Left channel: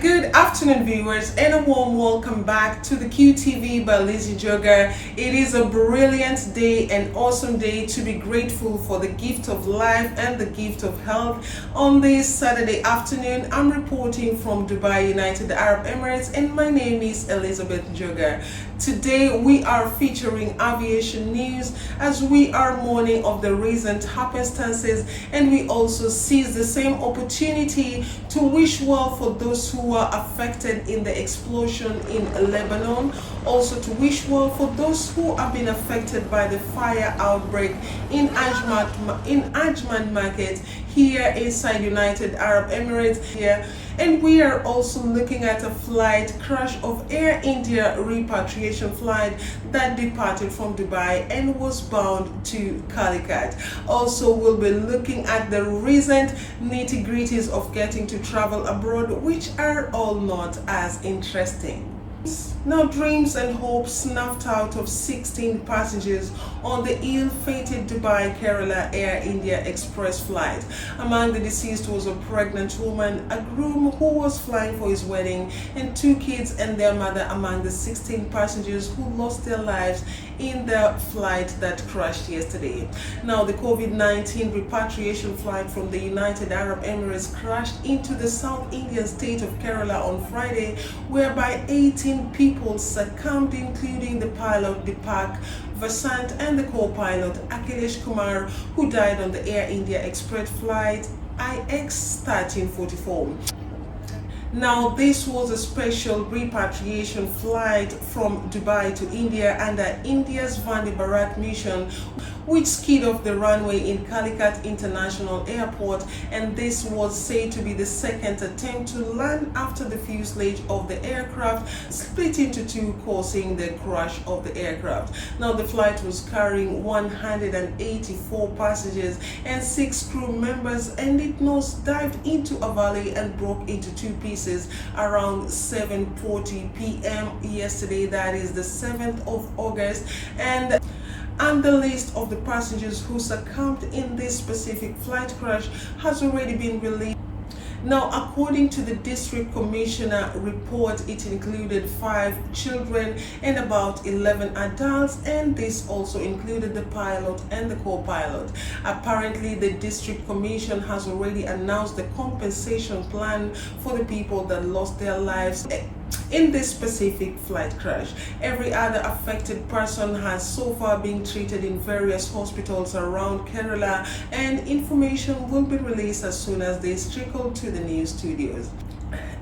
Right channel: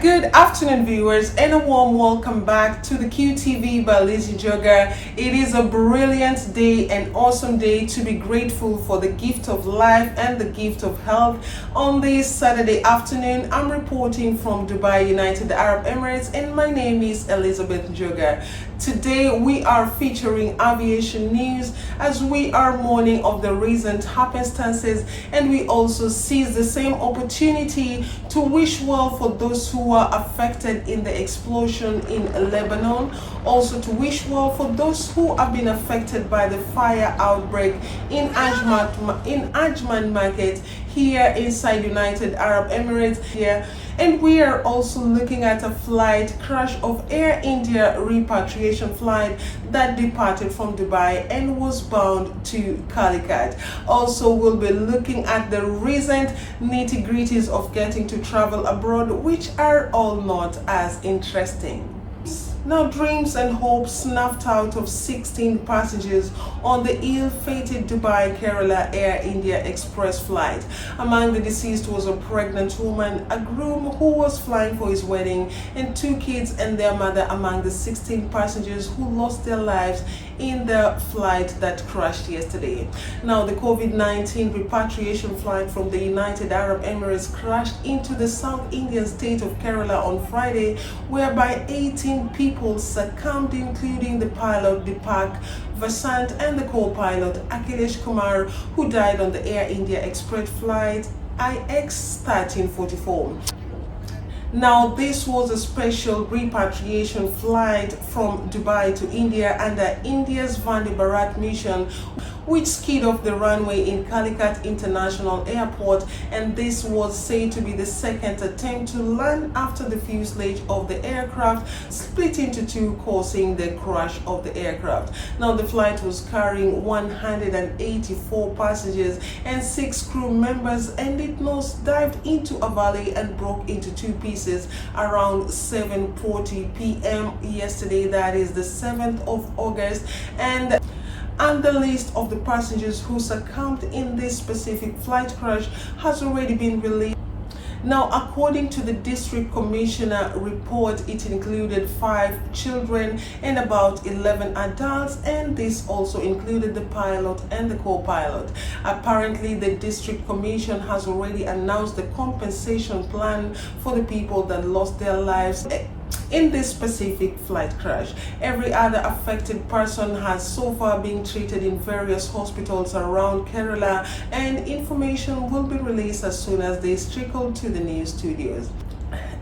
Good afternoon, viewers, and a warm welcome back to the QTV by Lizzie Joga. It is a brilliant day, an awesome day to be grateful for the gift of life and the gift of health. On this Saturday afternoon, I'm reporting from Dubai, United Arab Emirates, and my name is Elizabeth Joga. Today we are featuring aviation news as we are mourning of the recent happenstances, and we also seize the same opportunity to wish well for those who were affected in the explosion in Lebanon, also to wish well for those who have been affected by the fire outbreak in Ajman Market here inside United Arab Emirates here. And we are also looking at a flight crash of Air India repatriation flight that departed from Dubai and was bound to Calicut. Also, we'll be looking at the recent nitty-gritties of getting to travel abroad, which are all not as interesting. Now, dreams and hopes snuffed out of 16 passengers on the ill-fated Dubai Kerala Air India Express flight. Among the deceased was a pregnant woman, a groom who was flying for his wedding, and 2 kids and their mother among the 16 passengers who lost their lives in the flight that crashed yesterday. Now, the COVID-19 repatriation flight from the United Arab Emirates crashed into the South Indian state of Kerala on Friday, whereby 18 people succumbed, including the pilot Deepak and the co-pilot Akhilesh Kumar, who died on the Air India Express flight IX1344. Now, this was a special repatriation flight from Dubai to India under India's Vande Bharat mission, which skied off the runway in Calicut International Airport, and this was said to be the second attempt to land after the fuselage of the aircraft split into 2, causing the crash of the aircraft. Now, the flight was carrying 184 passengers and 6 crew members, and it nose-dived into a valley and broke into 2 pieces around 7:40 p.m. yesterday, that is the 7th of August, and the list of the passengers who succumbed in this specific flight crash has already been released. Now, according to the district commissioner report, it included 5 children and about 11 adults, and this also included the pilot and the co-pilot. Apparently, the district commission has already announced the compensation plan for the people that lost their lives in this specific flight crash. Every other affected person has so far been treated in various hospitals around Kerala, and information will be released as soon as they trickle to the news studios.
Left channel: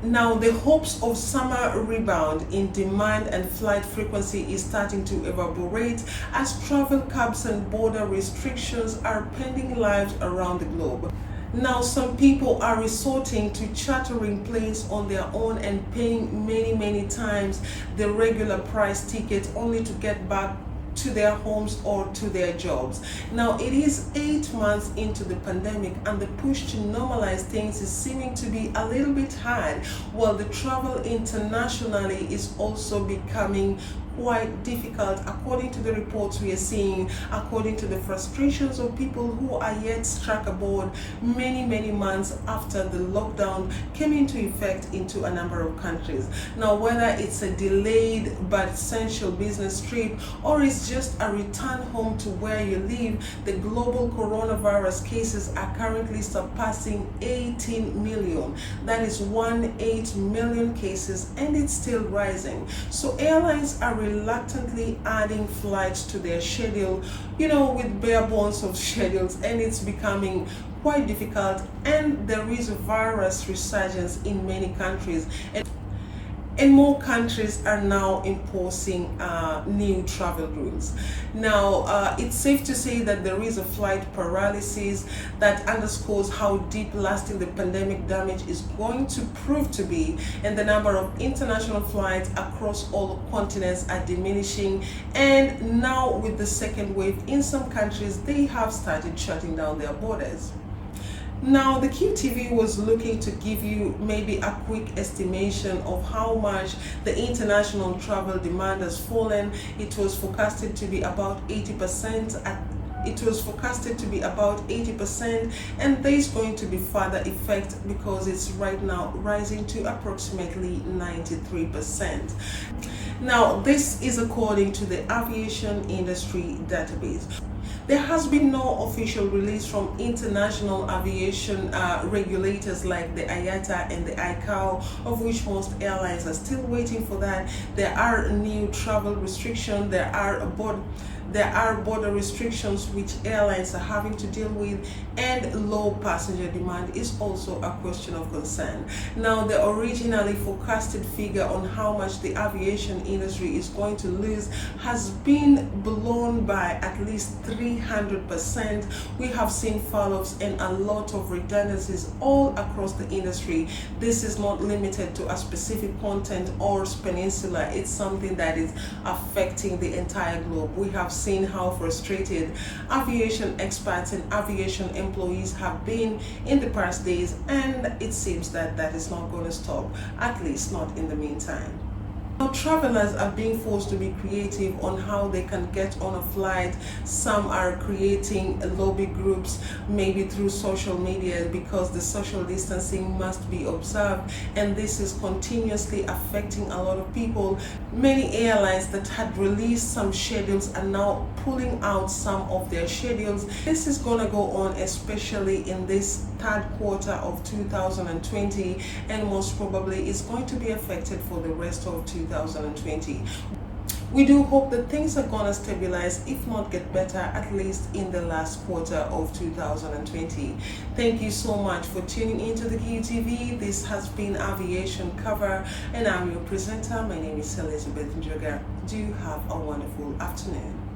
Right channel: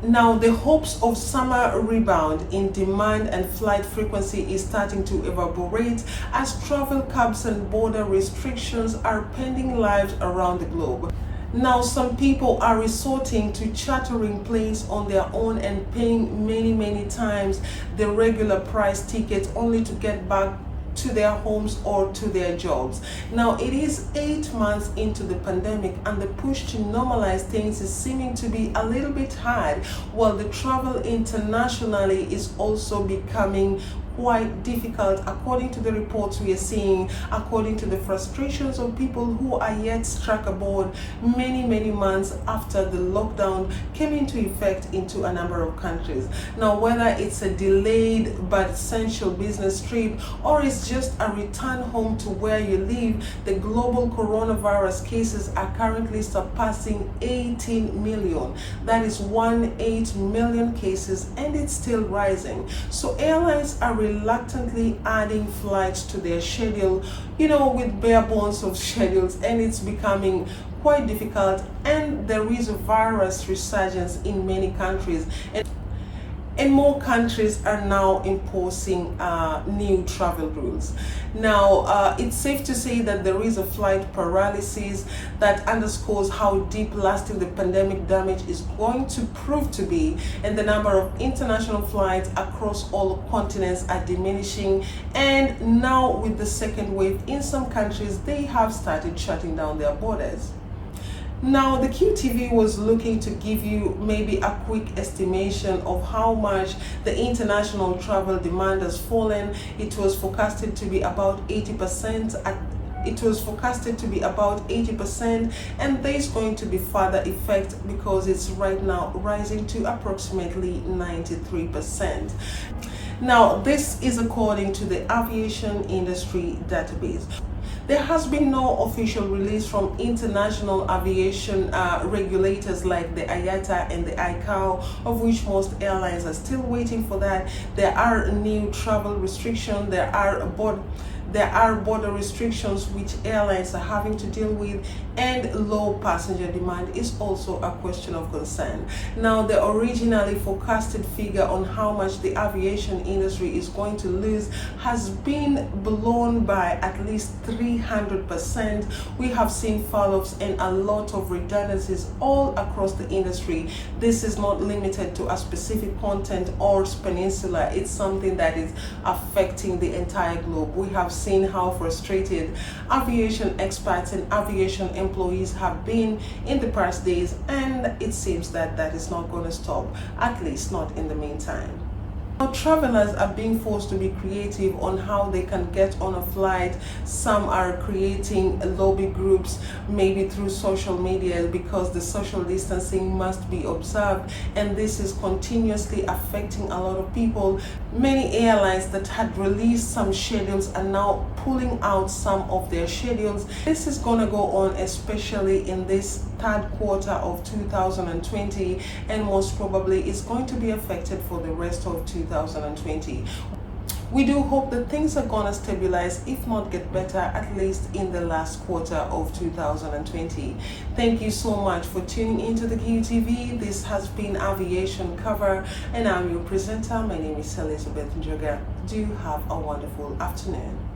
Now, the hopes of summer rebound in demand and flight frequency is starting to evaporate as travel caps and border restrictions are pending lives around the globe. Now, some people are resorting to chartering planes on their own and paying many times the regular price ticket only to get back to their homes or to their jobs. Now, it is 8 months into the pandemic, and the push to normalize things is seeming to be a little bit hard, while the travel internationally is also becoming quite difficult, according to the reports we are seeing, according to the frustrations of people who are yet struck aboard many months after the lockdown came into effect into a number of countries. Now, whether it's a delayed but essential business trip or it's just a return home to where you live, the global coronavirus cases are currently surpassing 18 million. That is 18 million cases, and it's still rising. So airlines are reluctantly adding flights to their schedule, with bare bones of schedules, and it's becoming quite difficult, and there is a virus resurgence in many countries, and more countries are now imposing new travel rules. Now, it's safe to say that there is a flight paralysis that underscores how deep lasting the pandemic damage is going to prove to be, and the number of international flights across all continents are diminishing, and now with the second wave in some countries, they have started shutting down their borders. Now, the QTV was looking to give you maybe a quick estimation of how much the international travel demand has fallen. It was forecasted to be about 80% It was forecasted to be about 80%, and there is going to be further effect because it's right now rising to approximately 93%. Now, this is according to the Aviation Industry Database. There has been no official release from international aviation regulators like the IATA and the ICAO, of which most airlines are still waiting for that. There are new travel restrictions, there are border restrictions which airlines are having to deal with, and low passenger demand is also a question of concern. Now, the originally forecasted figure on how much the aviation industry is going to lose has been blown by at least 300%. We have seen falloffs and a lot of redundancies all across the industry. This is not limited to a specific continent or peninsula. It's something that is affecting the entire globe. We have seen how frustrated aviation expats and aviation employees have been in the past days, and it seems that that is not going to stop, at least not in the meantime. Now, travelers are being forced to be creative on how they can get on a flight. Some are creating lobby groups, maybe through social media, because the social distancing must be observed, and this is continuously affecting a lot of people. Many airlines that had released some schedules are now pulling out some of their schedules. This is going to go on especially in this third quarter of 2020, and most probably it's going to be affected for the rest of 2020. We do hope that things are going to stabilize, if not get better, at least in the last quarter of 2020. Thank you so much for tuning into the QTV. This has been Aviation Cover, and I'm your presenter. My name is Elizabeth Njoga. Do have a wonderful afternoon.